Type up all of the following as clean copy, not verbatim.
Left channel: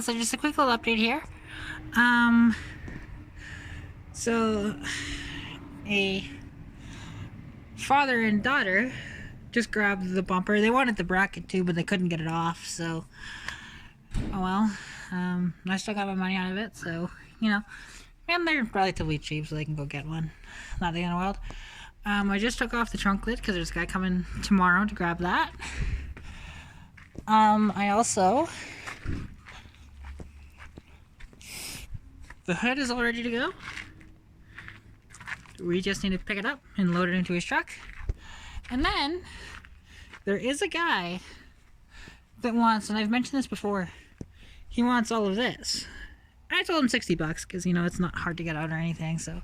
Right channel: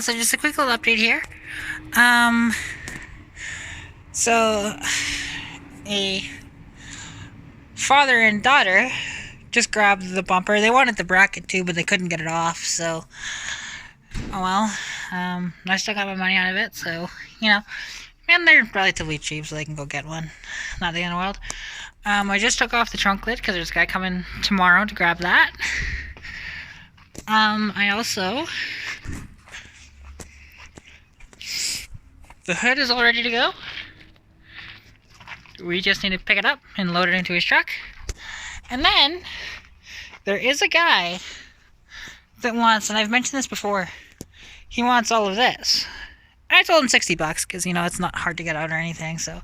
yeah, so just a quick little update here. So a father and daughter just grabbed the bumper. They wanted the bracket too, but they couldn't get it off, so oh well. I still got my money out of it, so and they're relatively cheap, so they can go get one. Not the end of the world. I just took off the trunk lid because there's a guy coming tomorrow to grab that. I also, the hood is all ready to go. We just need to pick it up and load it into his truck. And then there is a guy that wants, and I've mentioned this before, he wants all of this. I told him $60 because it's not hard to get out or anything, so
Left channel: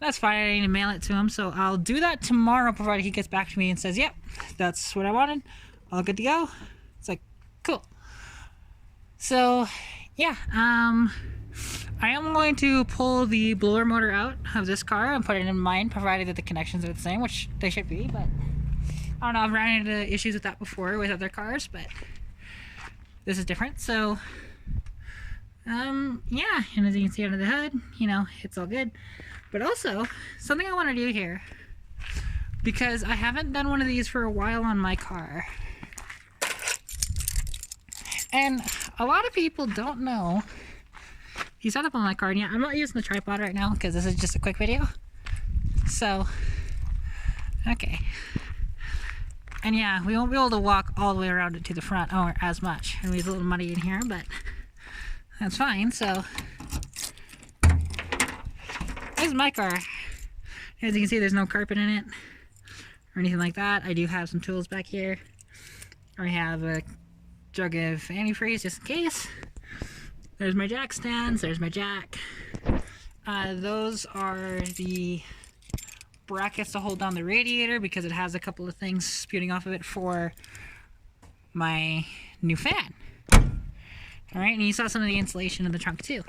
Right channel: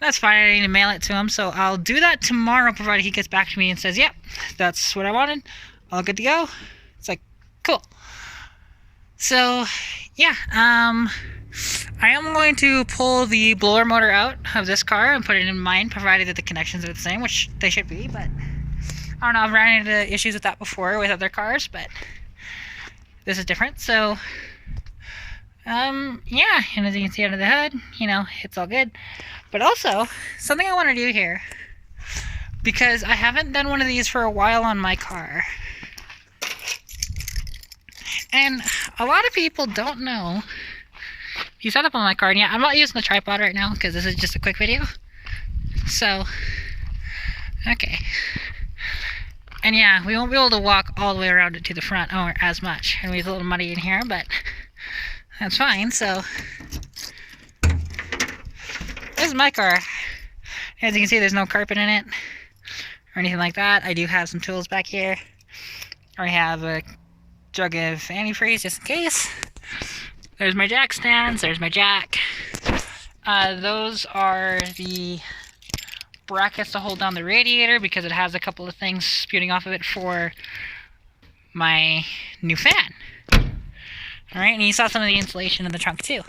that's fine. I need to mail it to him, so I'll do that tomorrow, provided he gets back to me and says, yep, that's what I wanted, all good to go. It's like, cool. So yeah, I am going to pull the blower motor out of this car and put it in mine, provided that the connections are the same, which they should be, but I don't know, I've ran into issues with that before with other cars, but this is different. So yeah, and as you can see under the hood, it's all good. But also, something I want to do here, because I haven't done one of these for a while on my car, and a lot of people don't know. You set up on my car, and yeah, I'm not using the tripod right now because this is just a quick video. So, okay. And yeah, we won't be able to walk all the way around it to the front or as much. And it's a little muddy in here, but that's fine. So, this is my car. As you can see, there's no carpet in it or anything like that. I do have some tools back here. I have a jug of antifreeze just in case. There's my jack stands, there's my jack. Those are the brackets to hold down the radiator because it has a couple of things spewing off of it for my new fan. Alright, and you saw some of the insulation in the trunk too.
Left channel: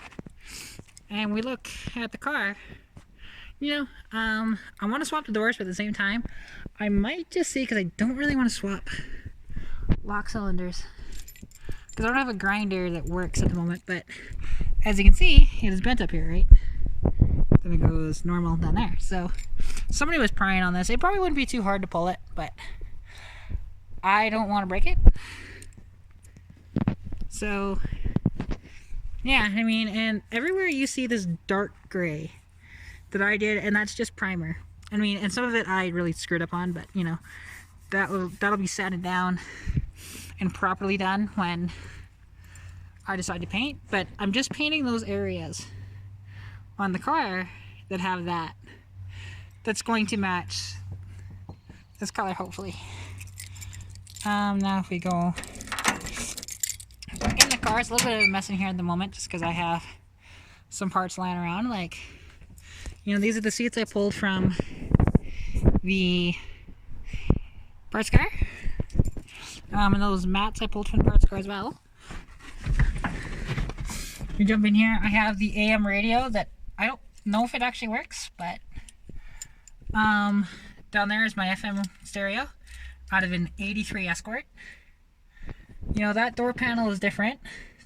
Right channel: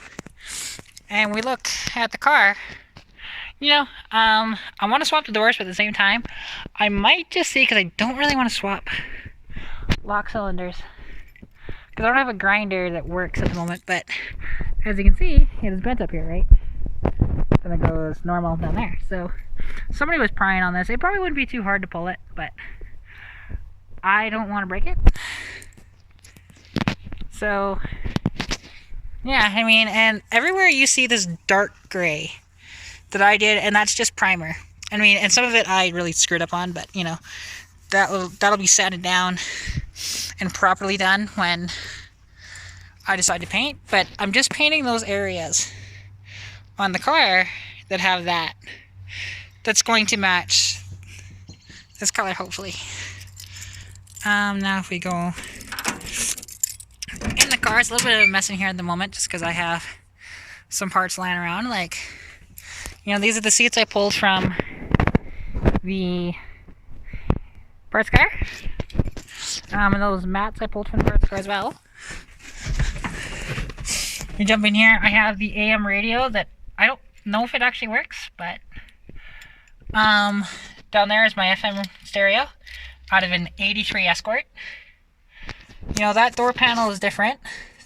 And we look at the car, I want to swap the doors, but at the same time, I might just see, because I don't really want to swap lock cylinders. Because I don't have a grinder that works at the moment, but as you can see, it is bent up here, right? Then it goes normal down there. So somebody was prying on this. It probably wouldn't be too hard to pull it, but I don't want to break it. So yeah, and everywhere you see this dark gray that I did, and that's just primer. And some of it I really screwed up on, but that'll be sanded down and properly done when I decide to paint. But I'm just painting those areas on the car that have that's going to match this color, hopefully. Now if we go in the car, it's a little bit of a mess in here at the moment just because I have some parts lying around. Like, these are the seats I pulled from the parts car. And those mats I pulled from the parts car as well. You jump in here, I have the AM radio that I don't know if it actually works, but down there is my FM stereo out of an 83 Escort. That door panel is different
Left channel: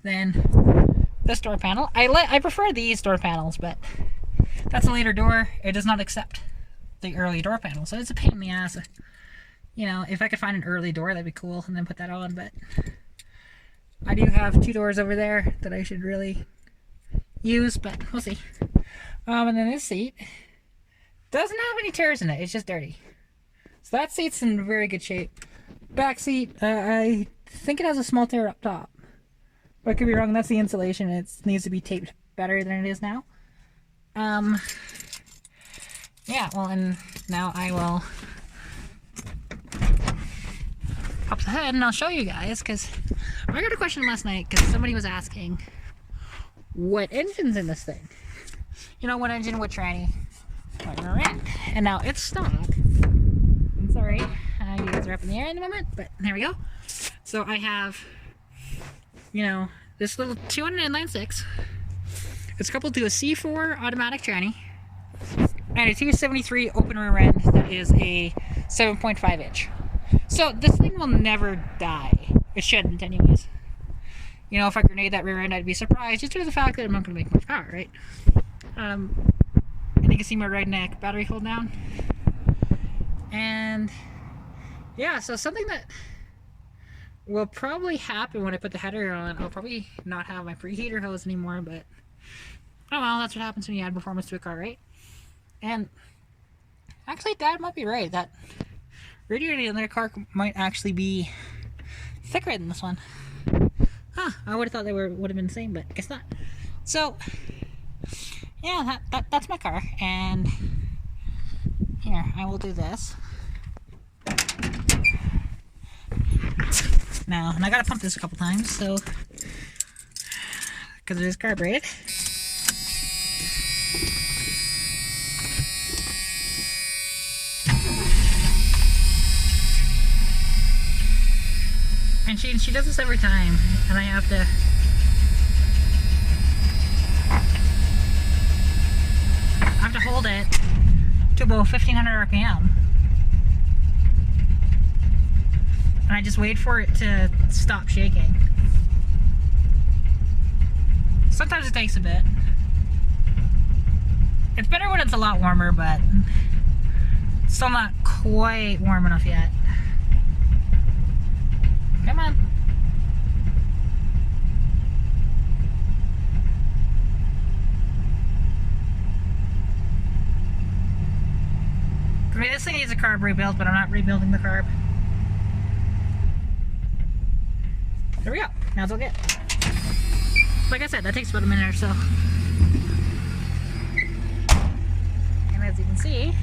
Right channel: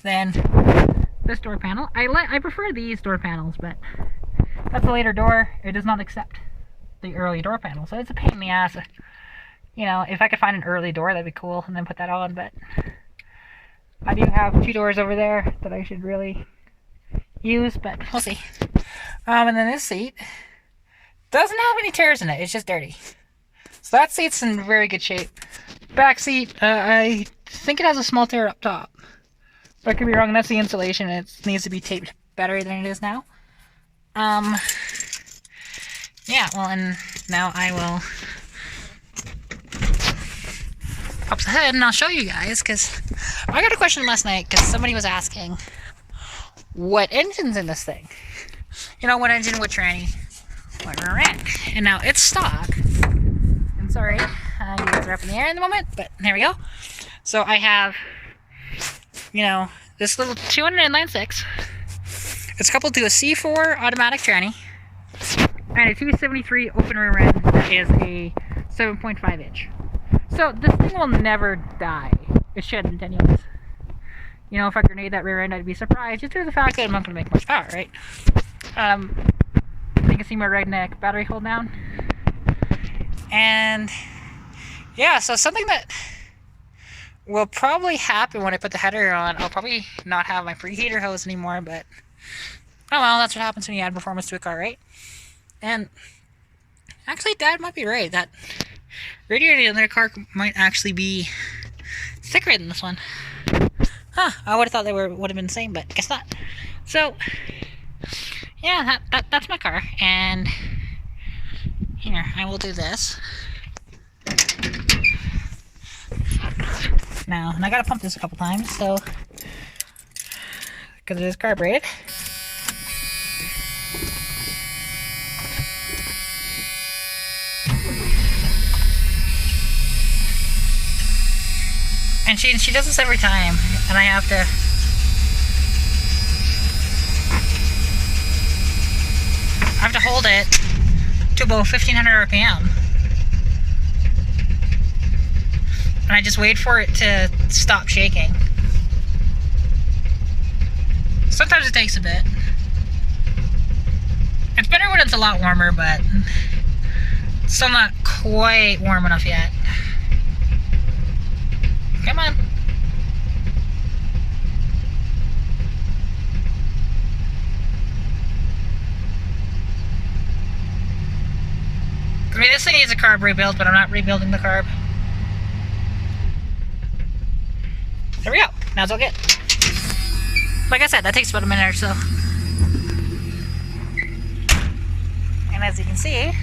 than this door panel. I prefer these door panels, but that's a later door. It does not accept the early door panel, so it's a pain in the ass. If I could find an early door, that'd be cool, and then put that on, but I do have two doors over there that I should really use, but we'll see. And then this seat doesn't have any tears in it, it's just dirty. So that seat's in very good shape. Back seat, I think it has a small tear up top. But I could be wrong, that's the insulation, it needs to be taped better than it is now. Yeah, well, and now I will pop the hood and I'll show you guys, because I got a question last night because somebody was asking what engine's in this thing. What engine, what tranny, what rear end. And now it's stock. I'm sorry, you guys are up in the air in the moment, but there we go. So I have, this little 209.6. It's coupled to a C4 automatic tranny and a 273 open rear end that is a 7.5 inch. So this thing will never die. It shouldn't anyways. you know, if I grenade that rear end, I'd be surprised, just due to the fact that I'm not going to make much power, right? You can see my right neck battery hold down. And yeah, so something that will probably happen when I put the header on, I'll probably not have my preheater hose anymore, but oh well, that's what happens when you add performance to a car, right? And actually, Dad might be right. That radiator in their car might actually be thicker than this one. Huh, I would have thought they would have been the same, but guess not. So, yeah, that's my car. And here, I will do this. Now, and I gotta pump this a couple times, so, because it is carbureted. And she does this every time, and I have to hold it to about 1500 RPM. And I just wait for it to stop shaking. Sometimes it takes a bit. It's better when it's a lot warmer, but it's still not quite warm enough yet. Come on. I mean, this thing needs a carb rebuild, but I'm not rebuilding the carb. There we go. Now it's all good. Like I said, that takes about a minute or so. And as you can see,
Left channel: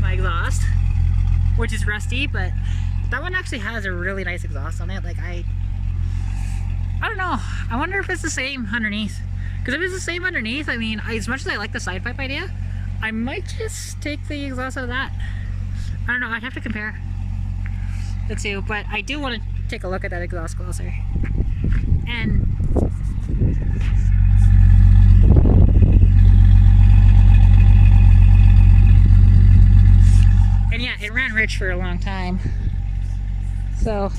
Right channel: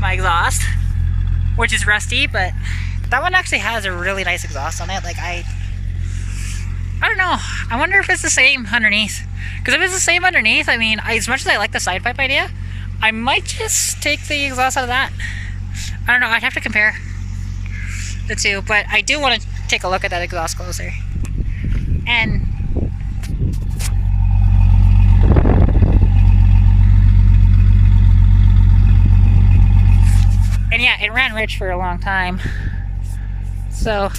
my exhaust, which is rusty, but that one actually has a really nice exhaust on it. Like, I don't know. I wonder if it's the same underneath. Because if it's the same underneath, I mean, as much as I like the side pipe idea, I might just take the exhaust out of that. I don't know. I'd have to compare the two, but I do want to take a look at that exhaust closer. And yeah, it ran rich for a long time. So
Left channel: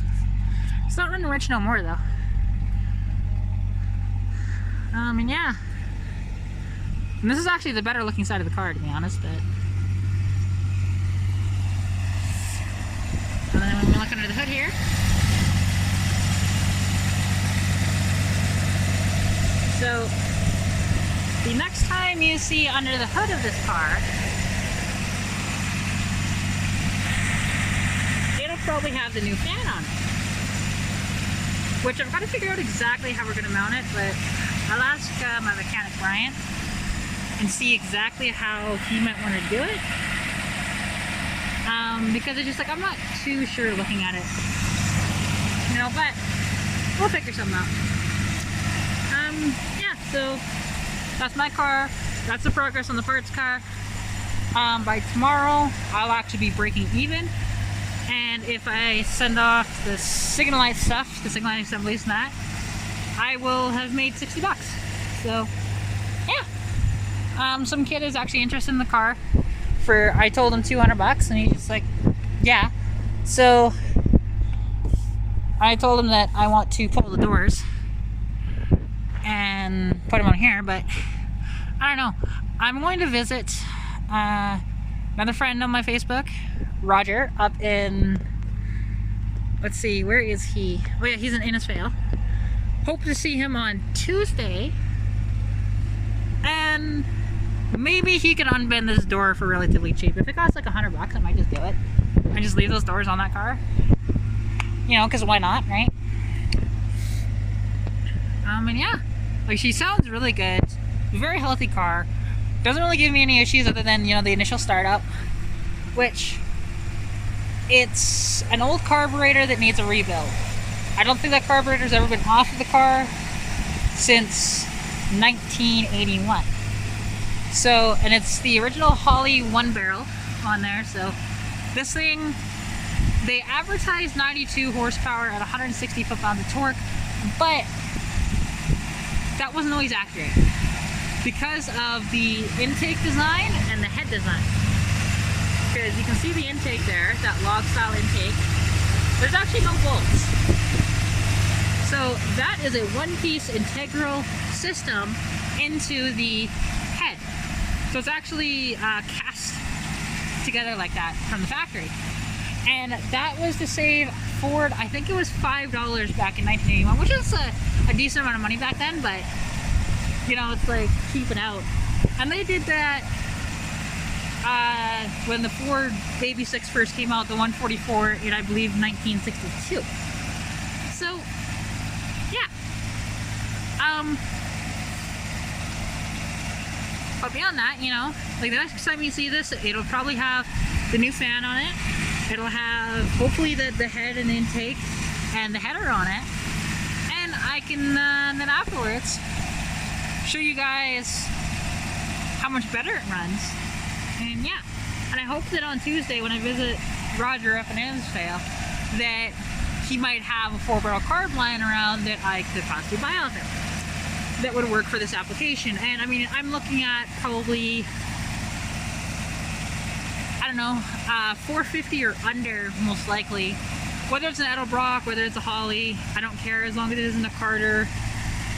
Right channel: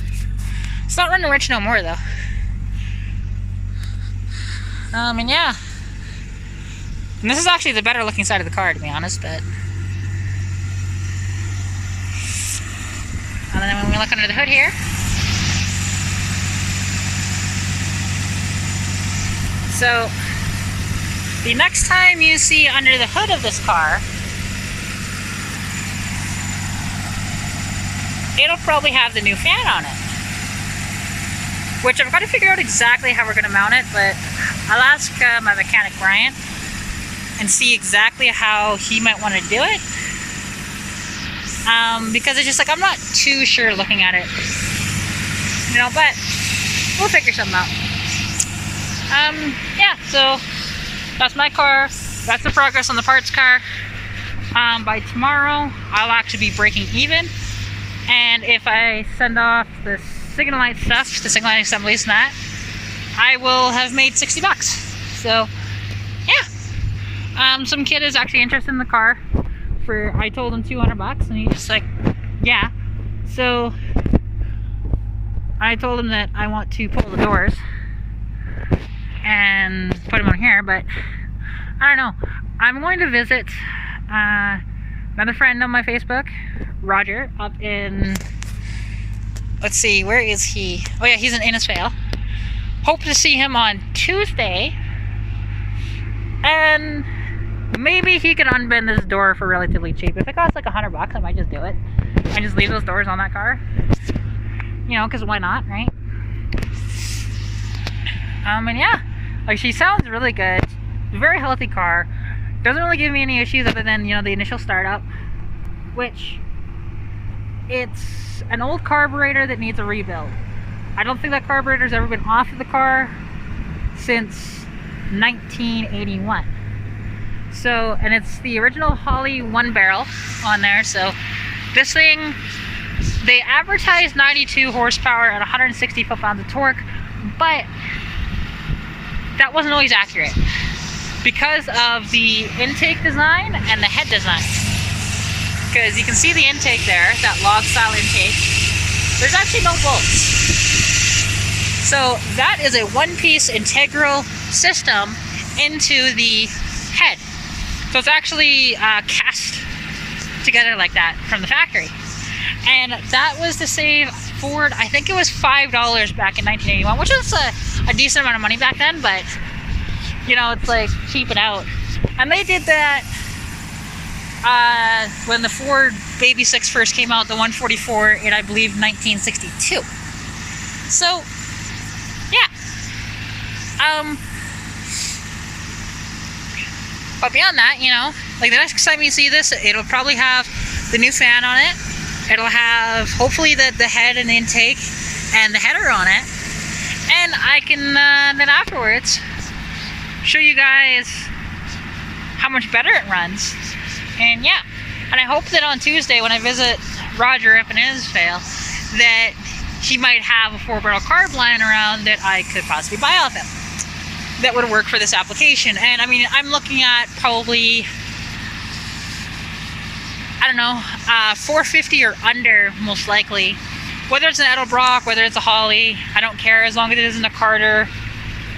it's not running rich no more though. And yeah. And this is actually the better looking side of the car, to be honest, but and then when we look under the hood here, so the next time you see under the hood of this car, it'll probably have the new fan on it, which I've got to figure out exactly how we're going to mount it, but I'll ask my mechanic Brian and see exactly how he might want to do it, because it's just like, I'm not too sure looking at it, you know, but we'll figure something out. Yeah, so that's my car. That's the progress on the parts car. By tomorrow, I'll actually be breaking even. And if I send off the signal light stuff, the signal light assemblies and that, I will have made 60 bucks. So, yeah. Some kid is actually interested in the car for, I told him 200 bucks, and he's just like, yeah. So, I told him that I want to pull the doors and put them on here, but I don't know. I'm going to visit another friend on my Facebook, Roger, up in, let's see, where is he? Oh yeah, he's in Innisfail. Hope to see him on Tuesday, and maybe he can unbend this door for relatively cheap. If it costs like 100 bucks, I might just do it. I just leave those doors on that car, you know, because why not, right? And yeah, like, she sounds really good. Very healthy car. Doesn't really give me any issues other than, you know, the initial startup, which, it's an old carburetor that needs a rebuild. I don't think that carburetor's ever been off of the car since 1981. So, and it's the original Holley 1-barrel on there. So this thing, they advertised 92 horsepower at 160 foot-pounds of torque, but that wasn't always accurate because of the intake design and the head design. Because you can see the intake there, that log style intake. There's actually no bolts. So that is a one-piece integral system into the head. So it's actually cast together like that from the factory. And that was to save Ford, I think it was $5 back in 1981, which is a decent amount of money back then, but you know, it's like cheaping out. And they did that when the Ford Baby 6 first came out, the 144 in, I believe, 1962. So, yeah. But beyond that, you know, like the next time you see this, it'll probably have the new fan on it. It'll have, hopefully, the head and the intake and the header on it. And I can, then afterwards, show you guys how much better it runs. And yeah, and I hope that on Tuesday when I visit Roger up in Israel, that he might have a 4-barrel carb lying around that I could possibly buy off him that would work for this application. And I mean, I'm looking at probably, I don't know, 450 or under, most likely. Whether it's an Edelbrock, whether it's a Holly, I don't care, as long as it isn't a Carter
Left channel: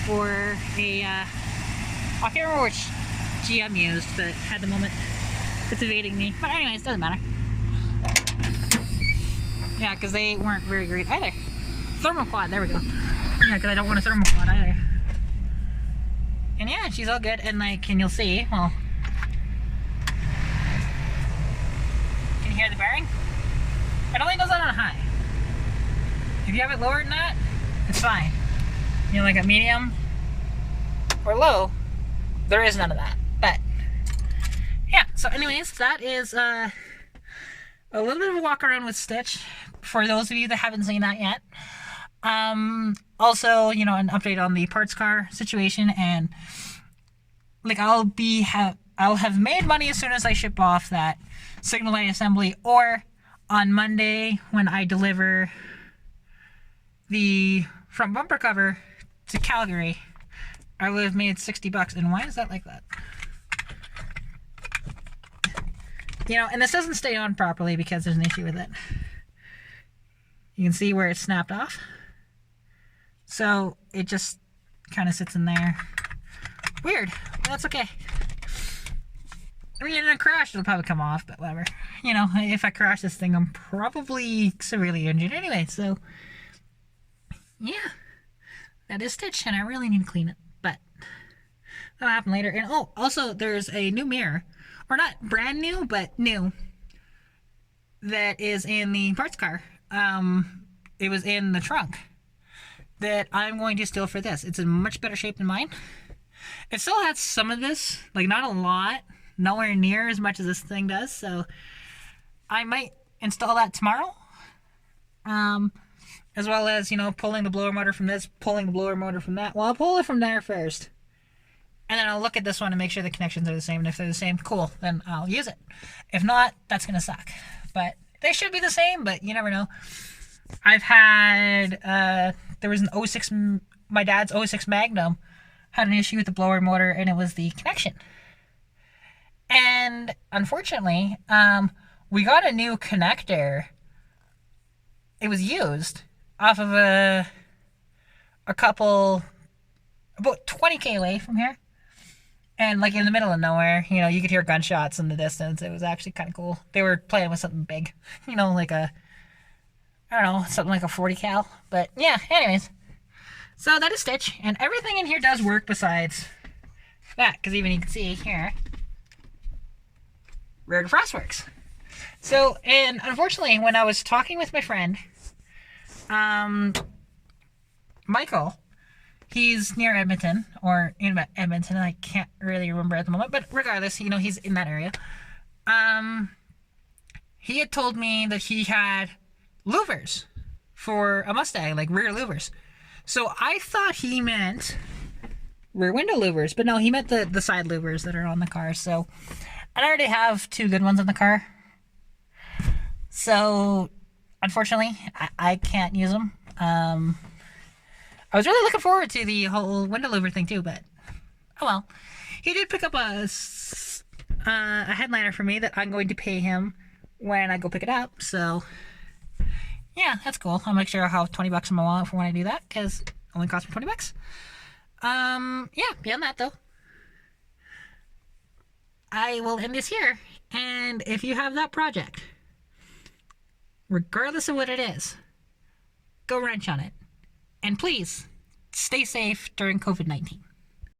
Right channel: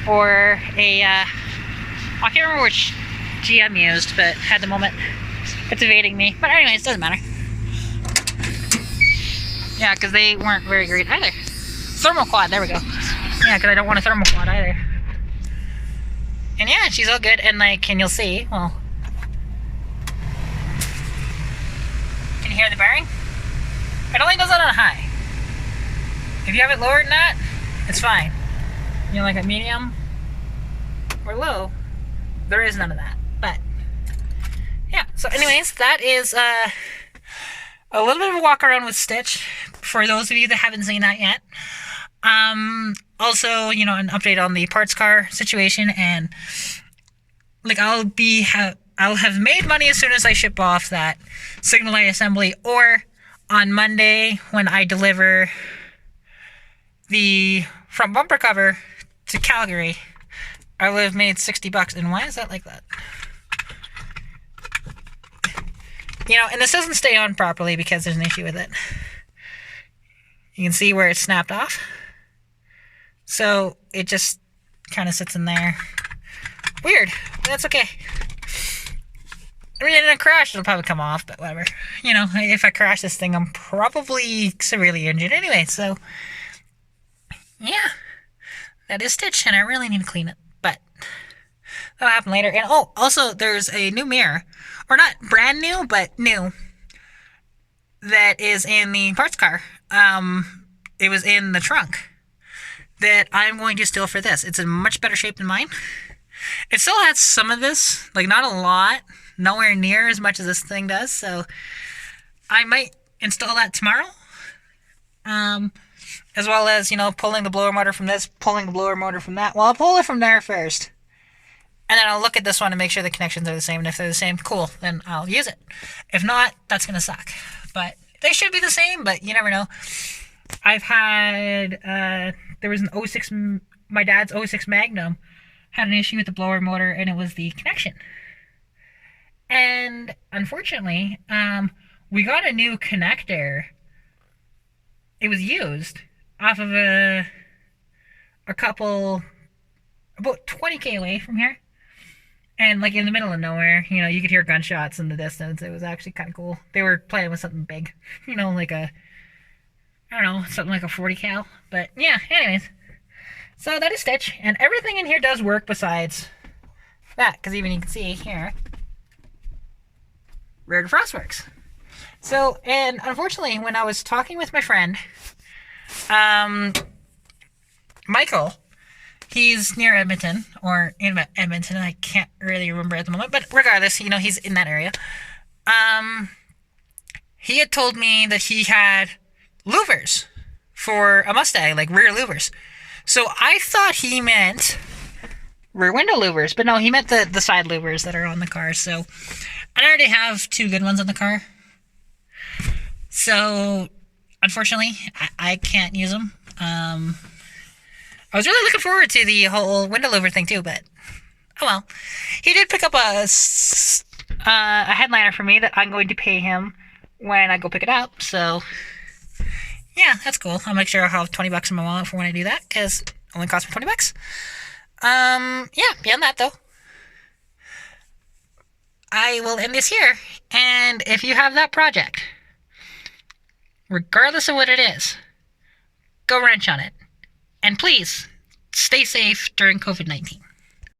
or a, I can't remember which GM used, but at the moment it's evading me. But anyways, it doesn't matter. Yeah, because they weren't very great either. Thermoquad, there we go. Yeah, because I don't want a thermoquad either. And yeah, she's all good, and like, and you'll see, well, can you hear the bearing? It only does that on high. If you have it lower than that, it's fine. You know, like a medium or low, there is none of that. But yeah, so anyways, that is a little bit of a walk around with Stitch for those of you that haven't seen that yet. Also, you know, an update on the parts car situation, and like I'll have made money as soon as I ship off that signal light assembly, or on Monday when I deliver the front bumper cover to Calgary, I will have made $60. And why is that like that? You know, and this doesn't stay on properly because there's an issue with it. You can see where it snapped off. So it just kind of sits in there. Weird, but that's okay. I mean, in a crash, it'll probably come off, but whatever. You know, if I crash this thing, I'm probably severely injured anyway, so yeah. That is Stitch, and I really need to clean it, but that'll happen later. And oh, also, there's a new mirror, or not brand new, but new, that is in the parts car. It was in the trunk that I'm going to steal for this. It's in much better shape than mine. It still has some of this, like not a lot, nowhere near as much as this thing does, so I might install that tomorrow. As well as, you know, pulling the blower motor from this, pulling the blower motor from that. Well, I'll pull it from there first. And then I'll look at this one and make sure the connections are the same. And if they're the same, cool, then I'll use it. If not, that's going to suck. But they should be the same, but you never know. I've had, there was an 06, my dad's 06 Magnum had an issue with the blower motor, and it was the connection. And unfortunately, we got a new connector. It was used off of a couple, about 20k away from here, and like in the middle of nowhere. You know, you could hear gunshots in the distance. It was actually kind of cool. They were playing with something big, you know, like a, I don't know, something like a 40 cal. But yeah, anyways, so that is Stitch, and everything in here does work besides that, because even you can see here, rear defrost works. So, and unfortunately, when I was talking with my friend, Michael, he's near Edmonton, or in Edmonton, I can't really remember at the moment, but regardless, you know, he's in that area. He had told me that he had louvers for a Mustang, like rear louvers. So I thought he meant rear window louvers, but no, he meant the side louvers that are on the car. So I already have 2 good ones on the car. So, unfortunately, I can't use them. I was really looking forward to the whole window louver thing too, but oh well. He did pick up a headliner for me that I'm going to pay him when I go pick it up. So, yeah, that's cool. I'll make sure I'll have $20 in my wallet for when I do that, because Only cost me $20. Yeah, beyond that, though, I will end this here. And if you have that project, regardless of what it is, go wrench on it. And please, stay safe during COVID-19.